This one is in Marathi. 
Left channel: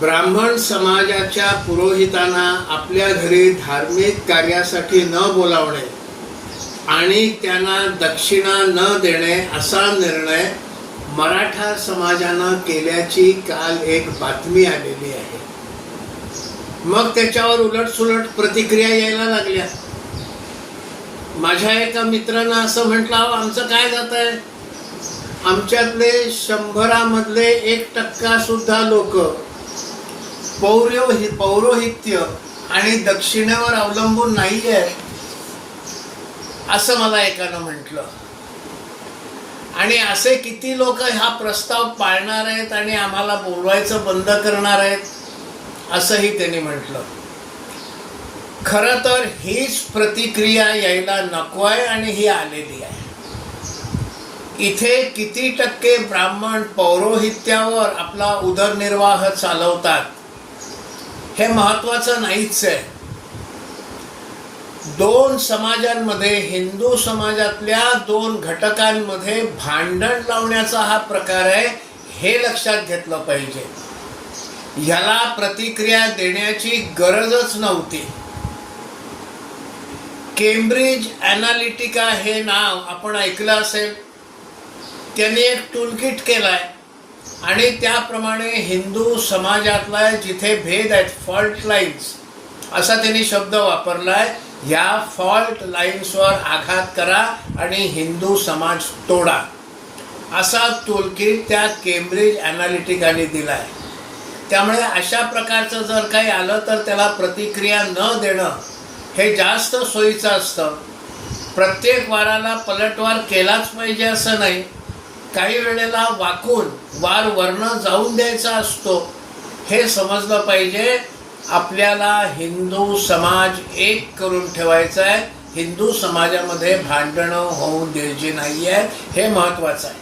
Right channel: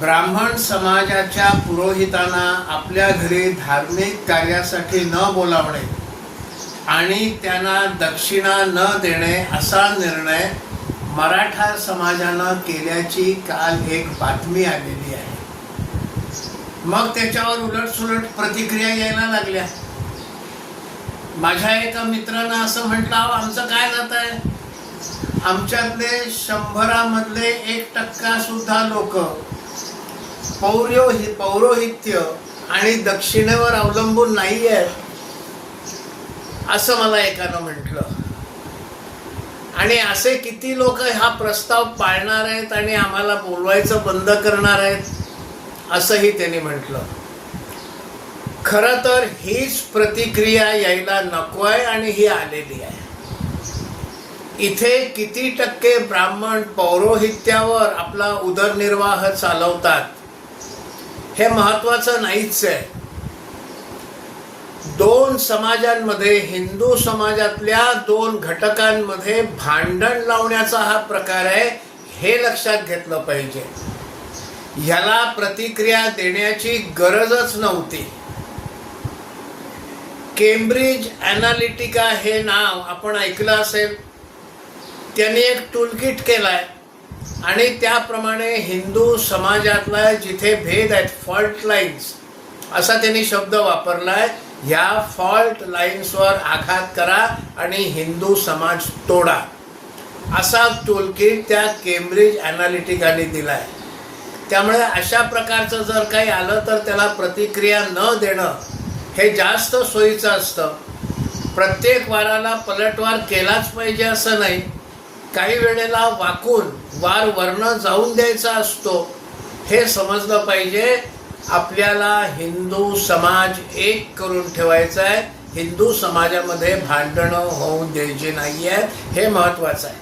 ब्राह्मण समाजाच्या पुरोहितांना आपल्या घरी धार्मिक कार्यासाठी न बोलावणे आणि त्यांना दक्षिणा न देणे असा निर्णय मराठा समाजानं केल्याची काल एक बातमी आलेली आहे. मग त्याच्यावर उलटसुलट प्रतिक्रिया यायला लागल्या. माझ्या एका मित्रानं असं म्हटलं, आमचं काय जात आहे, आमच्यातले 100 मधले 1% सुद्धा लोक पौरोहित्य आणि दक्षिणेवर अवलंबून नाही आहे, असं मला एकानं म्हटलं. आणि असे किती लोक हा प्रस्ताव पाळणार आहेत आणि आम्हाला बोलवायचं बंद करणार आहेत, असंही त्यांनी म्हटलं. खरं तर हीच प्रतिक्रिया यायला नको आहे आणि ही आलेली आहे. इथे किती टक्के ब्राह्मण पौरोहित्यावर आपला उदरनिर्वाह चालवतात हे महत्वाचं नाहीच आहे. 2 समाजांमध्ये, हिंदू समाजातल्या 2 घटकांमध्ये भांडण लावण्याचा हा प्रकार आहे, हे लक्षात घेतलं पाहिजे. ह्याला प्रतिक्रिया देण्याची गरजच नव्हती. केम्ब्रिज ॲनालिटिका हे नाव आपण ऐकलं असेल. त्यांनी एक टूलकिट केलाय आणि त्याप्रमाणे हिंदू समाजातला जिथे भेद आहेत, फॉल्ट लाईन्स असा त्यांनी शब्द वापरलाय. ह्या फॉल्ट लाईन्सवर आघात करा आणि हिंदू समाज तोडा, असा टूलकिट त्या केम्ब्रिज ॲनालिटिकाने दिलाय. त्यामुळे अशा प्रकारचं जर काही आलं तर त्याला प्रतिक्रिया न देणं हे जास्त सोयीचं असतं. प्रत्येक वाराला पलटवार केलाच पाहिजे असं नाही. काही वेळेला वाकून वार वर्ण जाऊन द्यायचा असतो, हे समजलं पाहिजे. आपल्याला हिंदू समाज एक करून ठेवायचा आहे. हिंदू समाजामध्ये भांडणं होऊन द्यायची नाही आहेत, हे महत्वाचं आहे.